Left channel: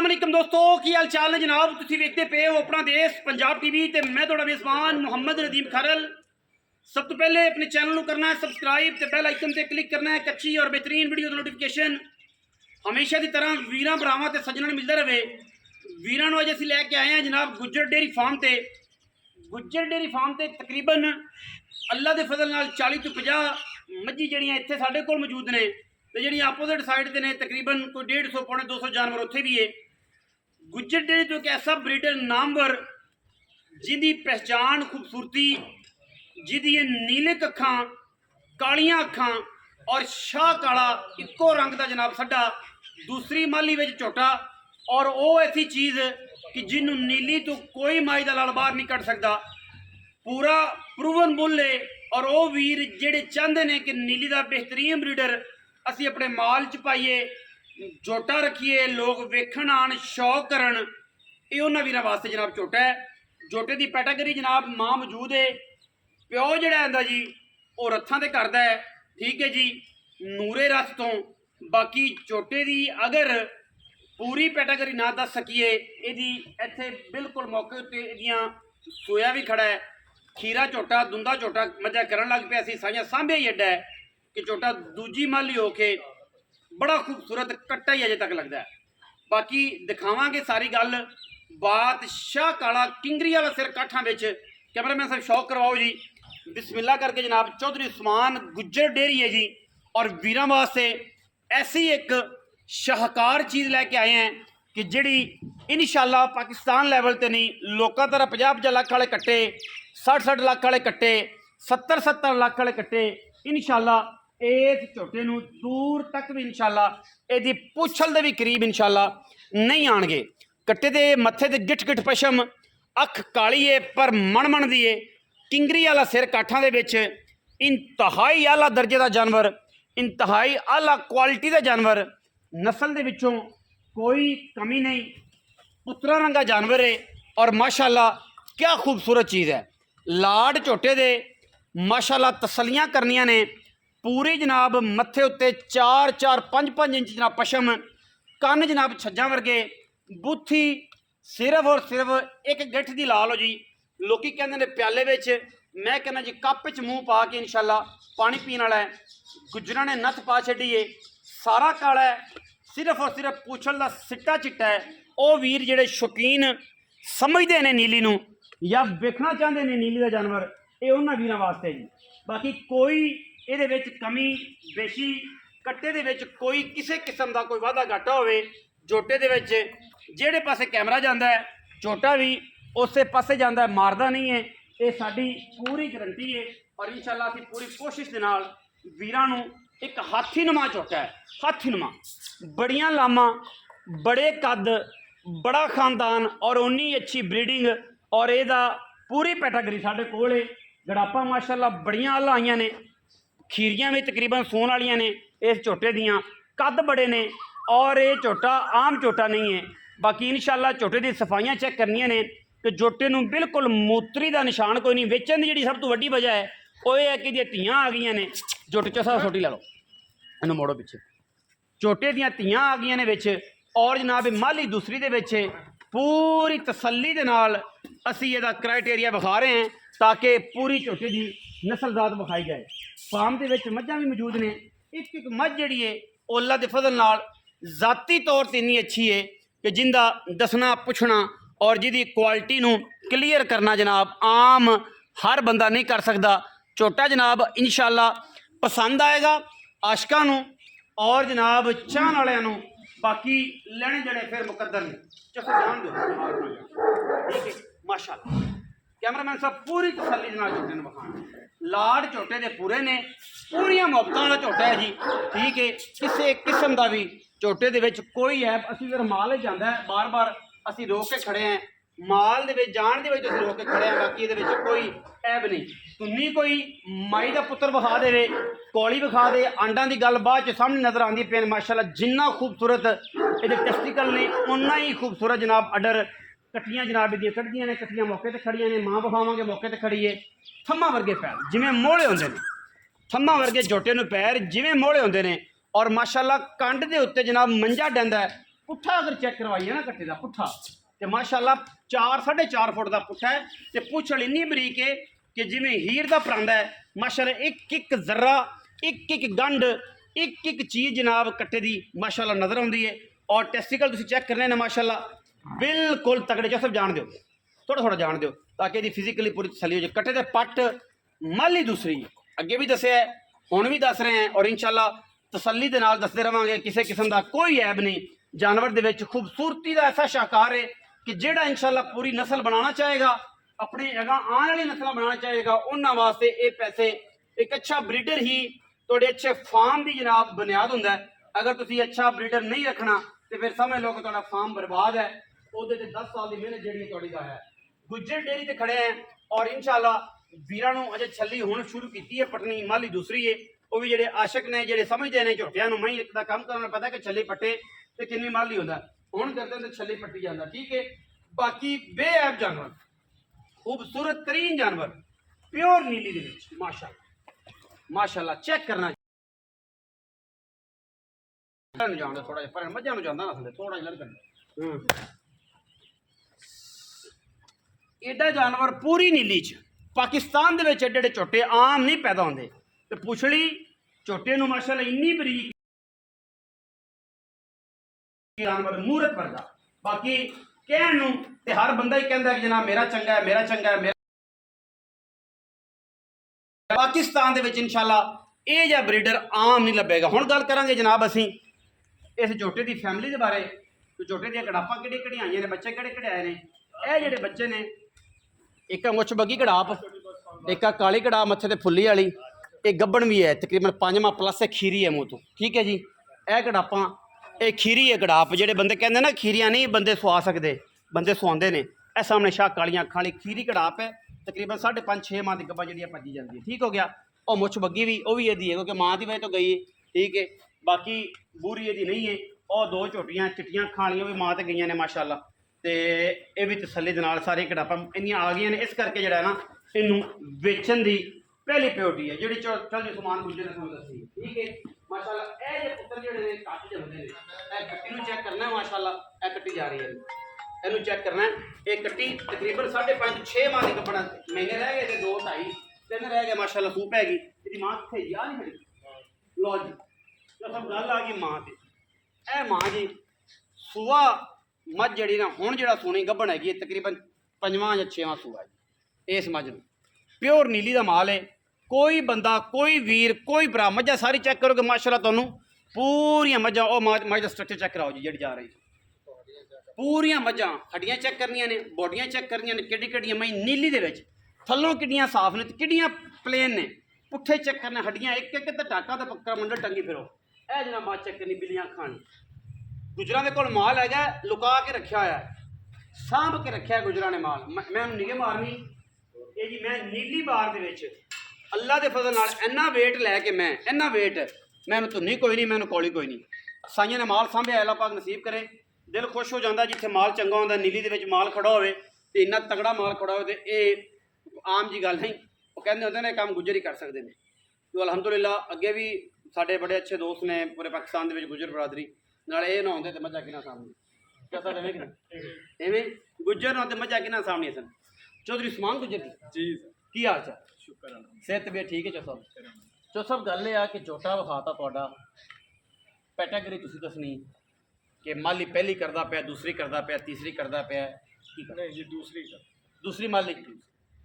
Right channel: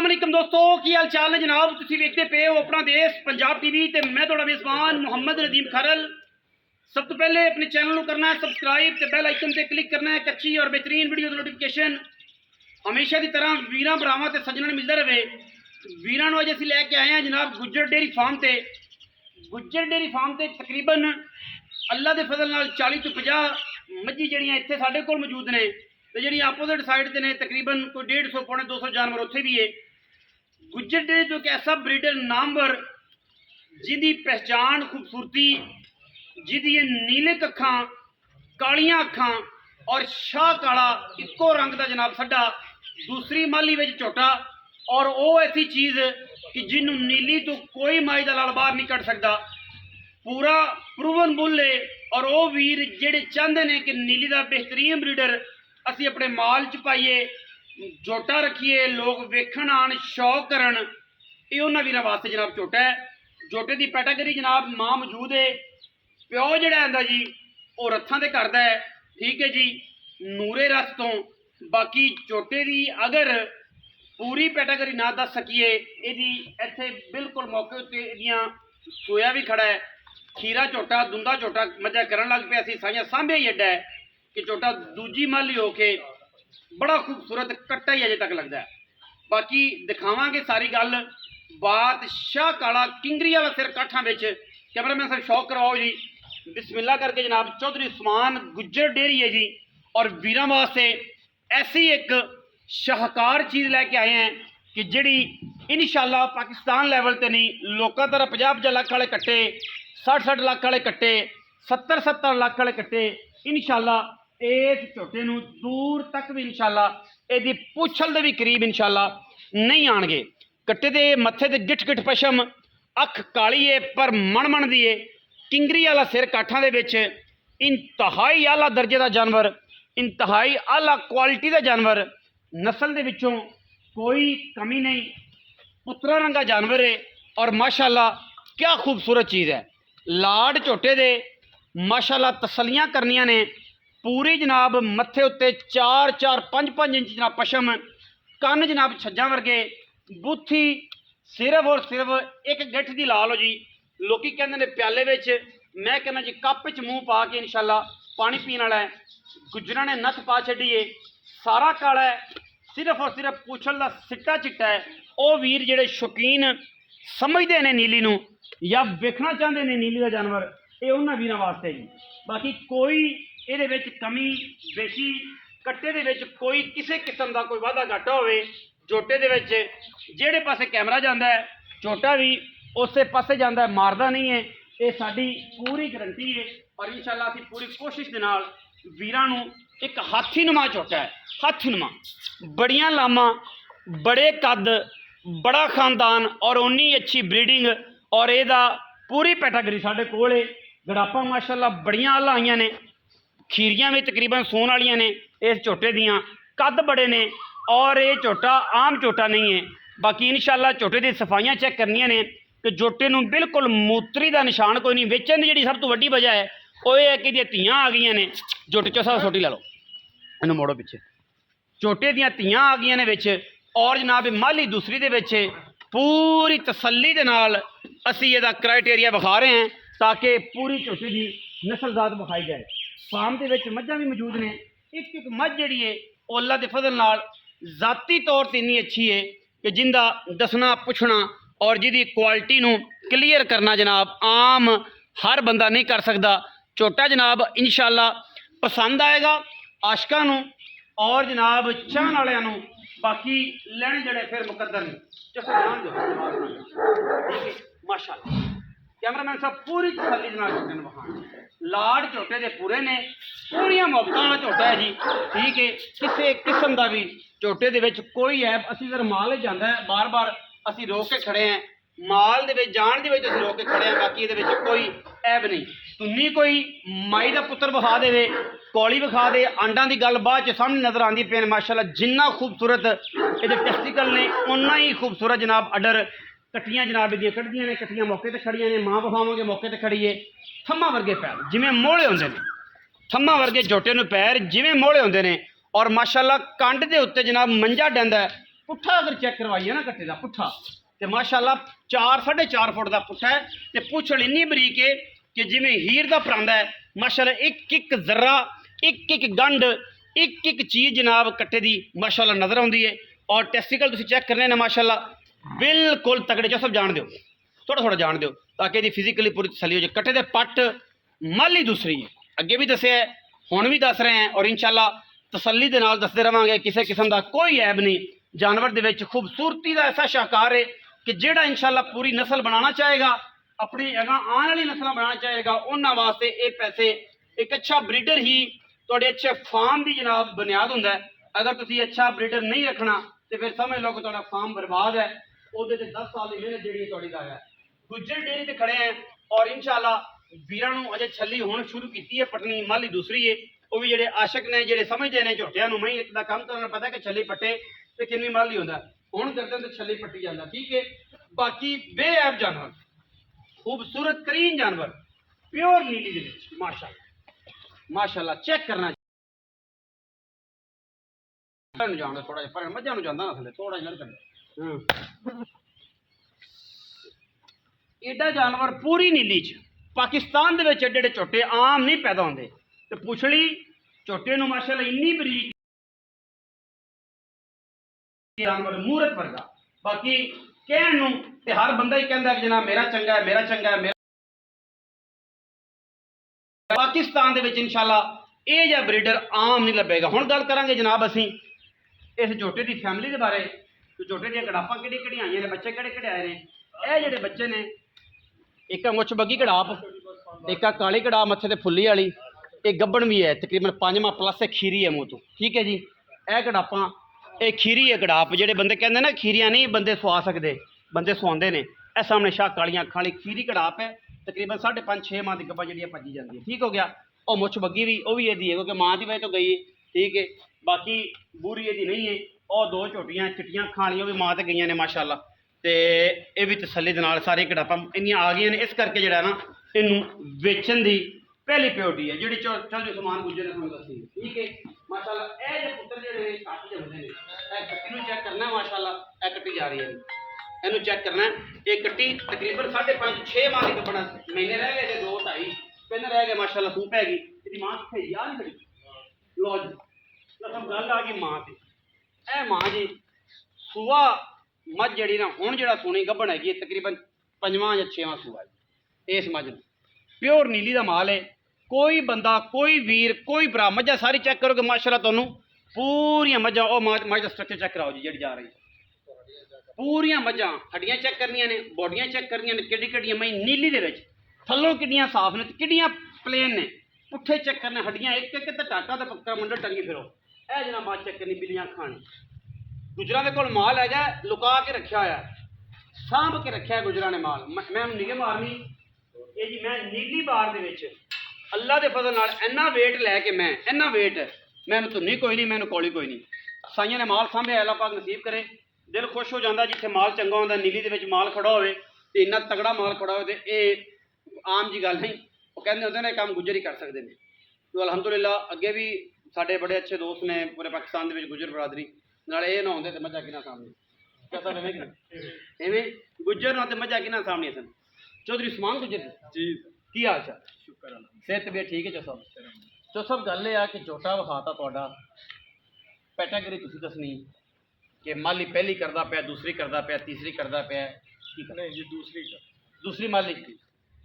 अस्सलाम वालेकुम दोस्तों, की हाल चाल है जनाब। तुसीं वेखदे पे हो अपना देश पंजाब टीवी ते मैं तुहाडा मेज़बान मुहम्मद नदीम खरल। सब तो पहले अपने चैनल को करना है सबसक्राइब ते बैल आइकन ते क्लिक करना है। कच्ची और बेहतरीन वीडियो नोटिफिकेशन हमेशा की तरह वीरां भरावां ते सज्जनां मिलता रहे। वीरां नूं अज असीं लैके आए हैं जनाब गुज्जर डेयरी फार्म ते। गुज्जर डेयरी फार्म ते तकरीबन अल्लाह के फजल नाल 40 तो 50 मझी जिहड़ियां इत्थे साडे कोल मौजूद ने ते जिहड़ियां अपोजिट साइड ते ने तकरीबन कोई 150 पौने 200 जानवर उत्थे भी है। गुज्जर डेयरी तो एक ऐसा ब्रीडर नामवर जिंदी पहचान खूबसूरती, जिहदी नीले अखां, कालियां अखां और शाह काला इक्को रंग का जनाब साडा दूसरी माली विच झोटा। और वो ऐसी चीज़ कि जिन्हों नीली तो कोई माई का लाल बाहर नहीं कट सकता। पूरा प्रूवन बुल है। और वो वीर जेडे चाहते हैं कि नीली का बेहतरीन ब्रीडर असी अपने माल च पाइए, झोटा रखिए, लोग वेखण आन शौक करन, ये उन्होंने वीर वास्ते जनाब झोटा है। झोटे की कैटागरी जनाब मां मौजूद है। प्यो जड़ा आंदा जी वो रथां ते करदा है, ठीक है जी, नूरे रथ तो। बाकी झोटे की अगर पूरी कैटागरी ना दस सकीए, यदि इत्थे बिल्कुल मौके उत्ते इहदियां सोया भी खड़ा है। खीरा झोटा दुंदा झोटा मजा करन लग पिया सी, साइयां सांभे ही एडा है कि झोटा दूजी माली होके बड़ा खूबसूरत कट्टा ही अजे तक लगता है। बाकी दिखावांगे सारी गल बात। शाह काला किंगरी वाला सिर काठा विच कैमरामैन साहब शौक करवाओ जी। बिस्मिल्लाह करके जनाब चौधरी उस्मान गुज्जर डेयरी है जी। और वीरां वास्ते ऐसी एक शाहकार चीज़ लैके आए हैं कि जिहड़ी इंशाअल्लाह पाकिस्तान लैवल ते नहीं, लोकां तरह 50-50 लाख वाले कट्टे, 60-60 लाख वाले कट्टे, 70-70 लाख वाले कट्टे इंशाअल्लाह इस झोटे नूं दूर तक भी इंशाअल्लाह इहदी पुछल दे भी करीब इंशाअल्लाह नहीं आणगे। कट्टे दे मत्थे ते गिठ गिठ पशम, अख काली है पर मण दी है, किंगरी वाला सिर काठां दे विच, इंतहाई आला दर्जे का जानवर, इंतहाई आला क्वालिटी का जानवर, नस्ल दे विचों कोई कमी नहीं, पुत्रा रंगा जानवर है। और माशाअल्लाह क्या खूबसूरत चीज़ है। लाड झोटे दे माशाअल्लाह तसलियां करनियां ने पूरी जनाब। मत्थे उत्ते 4-4 5-5 इंच जनाब पशम, कन जनाब छज्जा वर्गे, बुत्थी सिर्फ और सिर्फ एक गिठ दी लाल हो जी। लोकी कहंदे ने प्याले विच, मैं कहना जी कप च मूँह पा के इंशाअल्लाह पानी पीने वाला है। गुजरां ने नथ पा छड्डी है, सारा काला है, सिर्फ और सिर्फ पूछल का सिट्टा चिट्टा है। वो वीर जेडे शौकीन समझते हैं नीली नूं या वेखना चाहते हैं नीली का जानवर, ये उन्होंने वीरां वास्ते जी। बाकी कोई ये कमी बेशी कट्टे दे विच कोई किसी किस्म का कोई वाधा घाटा होवे, झोटे दे विच जेड़े पासे कैमरा जाता है झोटा भी उस पासे जाता है, मारदा नहीं है। ये साडी पूरी गारंटी है। और इंशाअल्लाह असीं पूरी कोशिश दे नाल वीरां नूं एक हाथीनुमा झोटा है, हाथीनुमा, बड़ियां लामा, बड़े कद, बड़ा खानदान और उन्नी अच्छी ब्रीडिंग। और यदा पूरी कैटागरी साढ़े कोल है। गड़ापा माशाअल्लाह बड़ियां आला आईयां ने, खीरियां भी तकरीबन सोन वालियां ने इस झोटे दियां, कद बड़े ने। और ये झोटा आम झोटा नहीं है। बाकी इंशाअल्लाह झोटे की सफाइयां चेक करनियां ने कि झोटे नूं बिल्कुल मूत्री का निशान कोई नहीं। वेचण की जी सब तो वड्डी वजह है वो ये है कि धियाँ आ गई ने झोटे चो छोटी ला लो, इन्हूं मोड़ो पिछे, झोटे दियां धियाँ आ गई ने विच। और जनाब माली दूसरी दे विच पूरी तसल्ली दे नाल असीं इहदा क्राइटेरिया विखा रहे हैं ताकि पूरी झोटे की नस्लजात विखाई जाए। फार्म के विच मझां भी मौजूद ने। एक एक मझ जिहड़ी है वो अल्लाह दे फजल नाल ज़ाती तौर पर इन्नी अच्छी है कि जिंदा दसना पुछना और जिहदी क्वालिटी नूं क्लीयर करना जनाब आम हर बंदा नहीं कर सकता। झोटा जनाब इंशाअल्लाह पसंद आएगा आशकां नूं और जनाब चाहण वालियां नूं। बाकी लैने जड़े फिर मुकद्दर नहीं, चलो ध्यान दो, ठीक है माशाअल्लाह। कैमरामैन साहब पूरी तसल्ली नाल झोटे नूं विखाण। लाड झोटे दे पूरे ने, पूरियां मुहब्बतां वाला झोटा है जी, ठीक है। किसी किस्म का भी झोटे दे विच कोई ऐब, असीं फिर माल ही जांदा है, बार बार असीं रोक के खड़े हैं, माल दे विच जाण दे विच असीं रोक के खड़े हैं। बाकी इहदे विच कोई ऐब नहीं। तुन्नी कोई माई का पुत्र विखा देवे, कौली विखा दे, आंडा की गल बाद च सामने नज़र आती पे माशाअल्लाह। जिन्ना खूबसूरत ये टेस्टिकल ने उन्ना ही खूबसूरत जनाब अडर कट्टियां जनाब दी कट्टियां ने, कट्टियां मौके पर खड़ियां ने, मां विखावांगे मौके पर खड़ी है। थम्मा वर्गे पैर जिवें मोहले होंदे ने, थम्मा वर्गे झोटे नूं पैर जिवें मोहले होंदे ने। और माशाअल्लाह कंड दे उत्ते जनाब मंजा डैंदा है, पुट्ठा अगर चेक करवाइए ना कट्टे का पुट्ठा तो माशाल्लाह 4-4.5 फुट का पुट्ठा है तो पुछड़ इन्नी बरीक है कि जिमें हीर का परांदा है माशाल्लाह एक एक जर्रा एक गंढ एक चीज़ जनाब कट्टे की माशाल्लाह नज़र आती है। और टेस्टिकल तुम चेक करने ने माशाल्लाह बिल्कुल तगड़े जो सब जान दो थोड़ा थोड़ा जान दो ताकि ये फिजिकली पूरी तसली हो जाए। कट्टे के पट माली दूसरी अगे भी दसिया है हुण भी दस रहे हैं और इंशाल्लाह तसली के नाल दसते रहांगे किसी किस्म का कोई ऐब नहीं। जानवर दे विच खूबसूरती का ऐसा शाहकार है कि जेड़ा इंशाल्लाह पूरी नस्ल बनाना चाहेगा अपनी अगां आने वाली नस्ल बनाना चाहेगा उन्हां वास्ते ये पैसे एक अच्छा ब्रीडर ही थोड़े अच्छे फार्म की जनाब बुनियाद हुंदा है। अगर तुसीं अच्छा ब्रीडर नहीं रखना तो फिर समझ लो कि तुहाडा फार्म बर्बाद है। उहदे ते 10 साल की मेहनत जिहड़ी तुहाडी दा है। गुज्जर डेयरी ते खड़े हैं और इंशाल्लाह वीरां नूं अजे छली हुण शुरू कीती है पटनी माली दूसरी है वो भी जेडे आशक ने जेडे समझते हैं झोटियां नूं मई दा काम करना पता कि छली पट्टे तो किन्नी माली होंदा हुण करदे तो छली पट्टी जांदा ठीक है। बाकी बेऐब जानवर खूबसूरत तरीन जानवर प्योर नीली दे विच माशाल्लाह माशाल्लाह चेक करना जाना थोड़ा जिहा पर मझां नूं जांदा ना थले थोड़ा जिहा करना एडा जानवर पूरी नीली च पाकिस्तान दे विच एडे एडे झोटे आम नहीं पैदा होंदे ते पुछड़ी झोटे नूं माशाल्लाह इन्नी बरीक जानवर मूरत वर्गा। बाकी कहण नूं ते हर बंदा ही कहंदा कि जनाब मेरा चंगा है मेरा चंगा है पाकिस्तान दे विच इंशाल्लाह ये जिहा ब्रीडर आम नहीं लभेगा। हुण गल करांगे जनाब असीं इस झोटे की फैमिली के बारे झोटे दी कड़ापां किहड़ी आईयां ने बच्चे किहड़े आए ने। ये जिहड़े बच्चे ने एक मुछ बगी कड़ाप एक काली कड़ाप मत्थे ते फुल्ली वाली एक गब्बन भी है तकरीबन 5 माह प्लस है खीरी है मूँह तो ठीक है जी। यह कड़ापां ये खीरी है कड़ाप जेडे बंदे कहते ना खीरियां नहीं बंदे सुआ सकते बंदे सुआंदे ने यह सामने शाह कालियां अखां वाली खीरी कड़ाप है तकरीबन 5.5-6 माह की गब्बा जी भजी जाती है ठीक हो गया। और मुछ बग्गी भी वो भी यदी है क्योंकि माँ की वजह तो गई है ठीक है। बाकी बूरी यदी नहीं है और 2 झोटियां चिट्टियां खालियां भी माँ तो गई ने माशाल्लाह तो यह भी तसली के नाल सारी कड़ापां इन्नियां आ गई ने इस करके जो ना इनू बेचन की पहली प्योरिटी है जी चल जो समान गुजर ने तुहानूं दसी ठीक है माशाल्लाह। यह जो पुत्र जो घट जमदे ने कट्टी नूं चेक करना है माशाल्लाह यह कट्टी जा रही है इनू चेक करना है। ये कट्टी तकरीबन 5.5-6 माह की कपड़ा महीने रह गए 2-2.5 3 रह गए माशाल्लाह सूप हैगी इसकी माँ कितने याद नहीं खड़ी लो जी तो सब गल आ गई माँ की ए माँ जी सूआ मझ जी ना हुण जो सुनी गब्बन हैगी तकरीबन 5वां या 6वां सूआ है इस मझ प्योर नीली का माल है। कोई बंदा कोई वीर कोई भरा मझा सारी चेक करोगे माशाल्लाह तुहानूं पूरियां मझां मझ का स्ट्रक्चर चेक कराओ जी जी जा रही पूरियां मझां हड्डियां चेक करनियां ने बॉडियां चेक करनियां ने किहड़ी मई नीली दे विच थल्लों किड्डियां साफ ने किड्डियां प्लेन ने पुट्ठे चेक करने हड्डियां एक एक ते टाका ते पक्का मंडल टंगी फिरो ए जना मां चेक करनी बिल्लियां खानी गुजरां दे कोल माल हैगा लुका के रखा होया सांभ के रखा है गुजरां ने माल मैं निगे मारनी ये जी मैं नीली बार दे विच अल्लाह के फजल नाल इन्ना वेट लैके मैं इन्ना वेट मैं धुनी कोई नहीं मैं कोली कोई नहीं साइयां ने माल सांभिया अल्लाह पाक नसीब करे दिल खुश हो जाता जिथे माल चंगा होंदा नीली दे विच माल खड़ा होवे ते इन्ना तगड़ा माल खड़ा होवे ते ये आम जी गल नहीं वो कहते होंदे ने काम गुजर ही कर सकते हैं। तो अलहमदुलिल्लाह अगे भी साडे बड़े अच्छे दोस्त ने पूरे पाकिस्तान दे विच गुजर बरादरी नाल ये ना होंदे ते मझां किना सामने क्या सब एवें गुजर ना ते मझां किना सामने सन। चौधरी उस्मान गुजर जी की हाल चाल शुक्र सेहत तबीयत ठीक है चो सब गल ये कि झोटा विखाता तुहाडा कैटेगरी तुसीं दसनी कि माली पहली करदा पिया दूसरी करदा पिया तीसरी करदा पिया नहीं जी दूसरी माली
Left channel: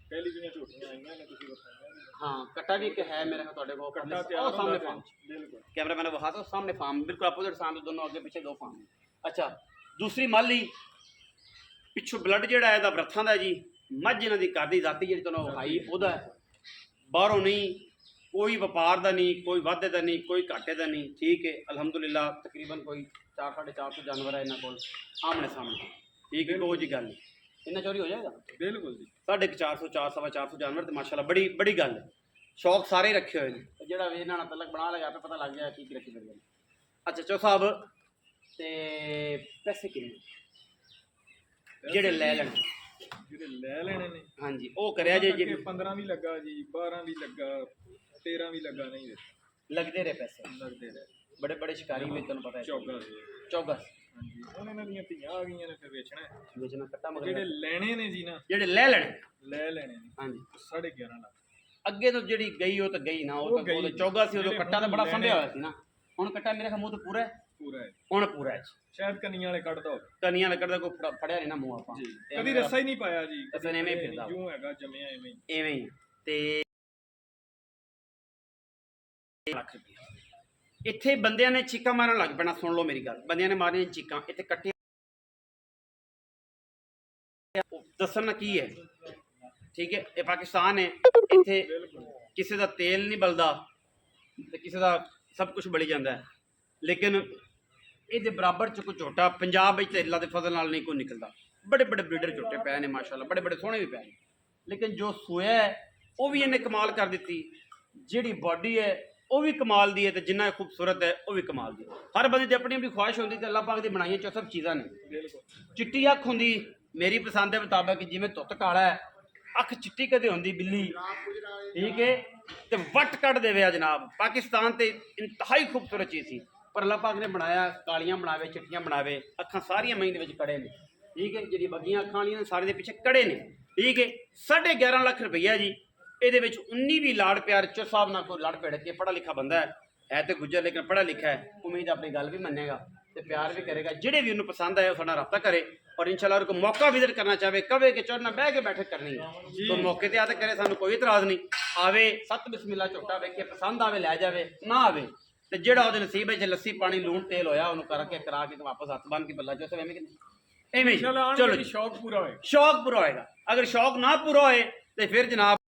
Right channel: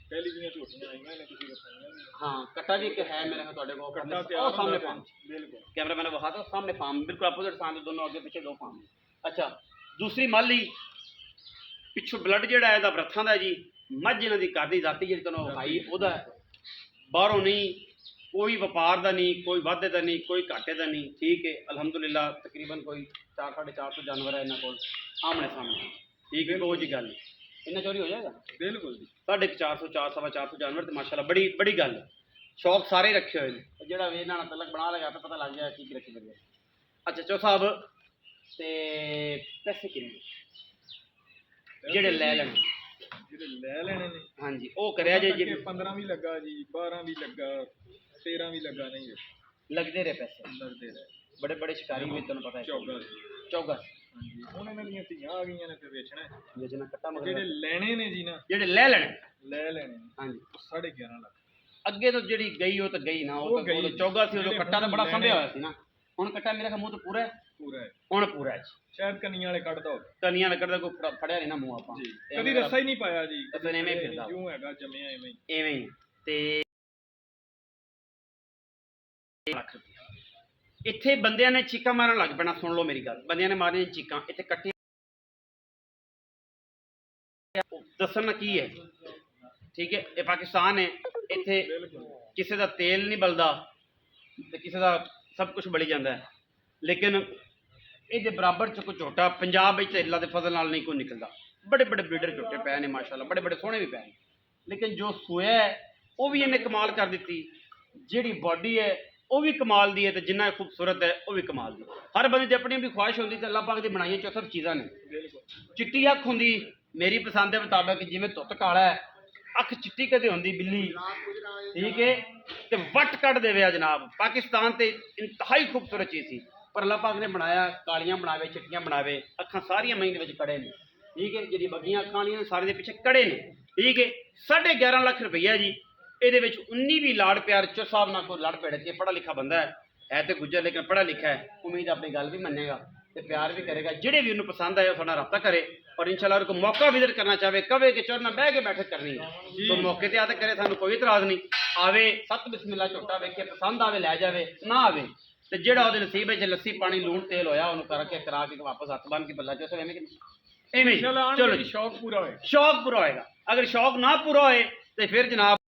पहली जियां झोटियां आईयां ने तुसीं बताईयां हाँ कट्टा भी है मेरे तुहाडे कोल कट्टा तैयार सामने फार्म बिल्कुल कैमरा मैंने विखा दो सामने फार्म बिल्कुल अपोजिट सामने दोनों आगे पीछे 2 फार्म। अच्छा दूसरी माली पिछों ब्लड जिहड़ा है बरथां दा जी मझ इन्हां दी करदी जाती जिहड़ी तुहानूं विखाई ओहदा बाहरों नहीं कोई व्यापार का नहीं कोई वाधे का नहीं कोई घाटे का नहीं ठीक है अलहमदुलिल्लाह तकरीबन कोई 400-450 जानवर है इन्होंने को आमने सामने ठीक है कोई जी गल नहीं इन्ना चोरी हो जाएगा बिल्कुल जी 450-400 जानवर तो माशाल्लाह बड़ी बड़ी गल है शौक सारे रखे हुए हैं जो इन्होंने तलक बना लगा आपे पता लग गया की रखी करिए। अच्छा चो साहब तो पैसे किन्ने जेडे लै लेने ਜਿਹੜੇ ਲੈ ਲੈਣੇ ਨੇ ਹਾਂਜੀ ਉਹ ਕਰਿਆ ਜੇ 15 ਵੀ ਲੱਗਾ ਜੀ 12 ਵੀ ਲੱਗਾ 13 ਵੀ ਲੱਗਾ ਨਹੀਂ ਲੱਗਦੇ ਰਹੇ ਪੈਸੇ ਲੱਗਦੇ ਰਹੇ बड़े बड़े शिकारी भी तुम पता है चौगस ਹਾਂਜੀ ਹੁਣ ਇਹਨਾਂ ਦੀਆਂ ਧੀਆਂ ਆ ਗਈਆਂ ਨੇ ਫਿਰ ਵੇਚਣਾ ਹੈ। ਵੇਚਣਾ ਕੱਟਾ ਮਗਰ ਜਿਹੜੇ ਲੈਣੇ ਨੇ ਜੀ ਨਾ ਜਿਹੜੇ ਲੈ ਲੈਣੇ ਲੈ ਲੈਣੇ ਨੇ ਹਾਂਜੀ ਉਹ 11.5 ਲੱਖ। ਅੱਗੇ ਤੋਂ ਜਿਹੜੀ ਗਈ ਉਹ ਤਾਂ ਗਈ ਨਾ, ਉਹ ਤਾਂ ਉਦੋਂ ਚੌਗਾ ਸੀ, ਉਦੋਂ ਕੱਟਾ ਤਾਂ ਬੜਾ ਸੰਭਿਆ ਹੋਇਆ ਸੀ ਨਾ। ਹੁਣ ਕੱਟਾ ਮੇਰੇ ਖਿਆਲ ਮੂੰਹ ਤੋਂ ਪੂਰਾ ਹੈ, ਪੂਰਾ ਹੈ। ਹੁਣ ਪੂਰਾ ਹੈ ਸ਼ਾਇਦ ਕੰਨੀਆਂ ਵਾਲੇ ਕੱਢਦਾ ਹੋਵੇ ਕਨੀਆਂ ਲੱਗਦਾ ਕੋਈ ਫੜਿਆ ਨਹੀਂ ਨਾ ਮੂੰਹ ਆਪਾਂ ਜੀ, ਕਦੀ ਰੱਸਾ ਹੀ ਨਹੀਂ ਪਾਇਆ ਜੀ, ਕਦੇ ਐਵੇਂ ਹੀ ਫਿਰਦਾ ਜਿਉਂ ਹੈਗਾ ਜੰਮਿਆ ਐਵੇਂ ਹੀ। ਐਵੇਂ ਹੀ ਤੇ ਲੱਖ ਰੁਪਏ ਇੱਥੇ ਬੰਦਿਆਂ ਨੇ ਚੀਕਾਂ ਮਾਰਨ ਲੱਗ ਪੈਣਾ। ਸੁਣ ਲਓ ਮੇਰੀ ਗੱਲ, ਬੰਦਿਆਂ ਨੇ ਮਾਰੀਆਂ ਚੀਕਾਂ ਇੱਥੇ ਕੱਟੀਆਂ। ਦੱਸਣਾ ਕੀ ਹੈ, ਠੀਕ ਹੈ, ਇਹ ਪਾਕਿਸਤਾਨ ਹੈ, ਇੱਥੇ ਕਿਸੇ ਦਾ ਤੇਲ ਨਹੀਂ ਬਲਦਾ ਤੇ ਕਿਸੇ ਦਾ ਸਭ ਕੁਝ ਬਲੀ ਜਾਂਦਾ ਹੈ, ਲੇਕਿਨ ਇਹਦੇ ਬਰਾਬਰ ਚ ਕੋਈ ਝੋਟਾ ਪੰਜਾਬ ਵਿੱਚ ਅੱਲਾ ਦੇ ਫਜ਼ਲ ਨਾਲ ਨਹੀਂ ਕੋਈ ਨਿਕਲਦਾ। ਬੜੇ ਬੜੇ ਬਰੀਡਰ ਝੋਟੇ ਪਏ ਨੇ ਮਾਸ਼ਾਅੱਲਾ, ਬੜੇ ਬੜੇ ਸੋਹਣੇ ਵੀ ਪਏ ਨੇ, ਲੇਕਿਨ ਜੋ ਸੋਇਆ ਹੈ ਉਹ ਵੀ ਇਹਨੇ ਕਮਾਲ ਕਰ ਦਿੱਤੀ। ਜਿਹੜੀ ਬਾਡੀ ਹੈ ਉਹ ਵੀ ਕਮਾਲ ਦੀ ਹੈ ਤੇ ਜਿੰਨਾ ਖੂਬਸੂਰਤ ਹੈ ਉਹ ਵੀ ਕਮਾਲ ਦੀ। ਹਰ ਬੰਦੇ ਦੀ ਆਪਣੀ ਆਪਣੀ ਖੁਆਇਸ਼ ਹੁੰਦੀ ਤੇ ਅੱਲਾਹ ਪਾਕ ਦੀ ਬਣਾਈਆਂ ਚ ਸਭ ਚੀਜ਼ਾਂ ਨੇ। ਚਿੱਟੀ ਅੱਖ ਹੁੰਦੀ ਮੇਰੀ ਪਸੰਦ ਦੇ ਮੁਤਾਬਕ, ਜਿਵੇਂ ਧੁੱਤ ਕਾਲਾ ਹੈ, ਅੱਖ ਚਿੱਟੀ ਕਦੇ ਹੁੰਦੀ ਬਿੱਲੀ, ਠੀਕ ਹੈ, ਤੇ ਵੱਟ ਕੱਢ ਦੇਵੇ ਆ ਜਨਾਬ। ਪਾਕਿਸਤਾਨ ਤੇ ਇੰਤਹਾਈ ਖੂਬਸੂਰਤ ਚੀਜ਼ ਸੀ, ਪਰ ਅੱਲਾਹ ਪਾਕ ਨੇ ਬਣਾਇਆ ਕਾਲੀਆਂ ਬਣਾਵੇ ਚਿੱਟੀਆਂ ਬਣਾਵੇ, ਅੱਖਾਂ ਸਾਰੀਆਂ ਮਹੀਂ ਦੇ ਵਿੱਚ ਕੜੇ ਨੇ, ਠੀਕ ਹੈ, ਜਿਹੜੀ ਬੱਗੀਆਂ ਅੱਖਾਂ ਵਾਲੀਆਂ ਨੇ ਸਾਰੇ ਦੇ ਪਿੱਛੇ ਕੜੇ ਨੇ, ਠੀਕ ਹੈ। 11.5 ਲੱਖ ਰੁਪਈਆ ਜੀ, ਇਹਦੇ ਵਿੱਚ 19 ਵੀ ਲਾੜ ਪਿਆਰ ਚੋ ਸਾਹਿਬ ਨਾਲ ਕੋਈ ਲੜ ਭੇੜ ਕੇ ਪੜ੍ਹਾ ਲਿਖਾ ਬੰਦਾ ਹੈ ਤੇ ਗੁੱਜਰ ਲੇਕਿਨ ਪੜ੍ਹਾ ਲਿਖਾ ਹੈ, ਉਮੀਦ ਆਪਣੀ ਗੱਲ ਵੀ ਮੰਨੇਗਾ ਤੇ ਪਿਆਰ ਵੀ ਕਰੇਗਾ। ਜਿਹੜੇ ਵੀ ਉਹਨੂੰ ਪਸੰਦ ਆਏ ਉਹ ਸਾਡਾ ਰਾਬਤਾ ਕਰੇ और इंशाल्लाह को मौका विजिट करना चाहे कवे कि चढ़ना बह के बैठक करनी है तो मौके ते आते करे, सानू कोई इतराज नहीं। आवे सत बिस्मिल्लाह झोटा वेखे पसंद आवे लै जावे, ना आवे ते जेड़ा ओदे नसीब विच लस्सी पानी लूण तेल होया ओनू करके करा के वापस हथ बन के बल्ला चो एवें एवें चलो शौक पूरा होएगा। शौक पूरा होएगा। अगर शौक ना पूरा होए तो फिर जनाब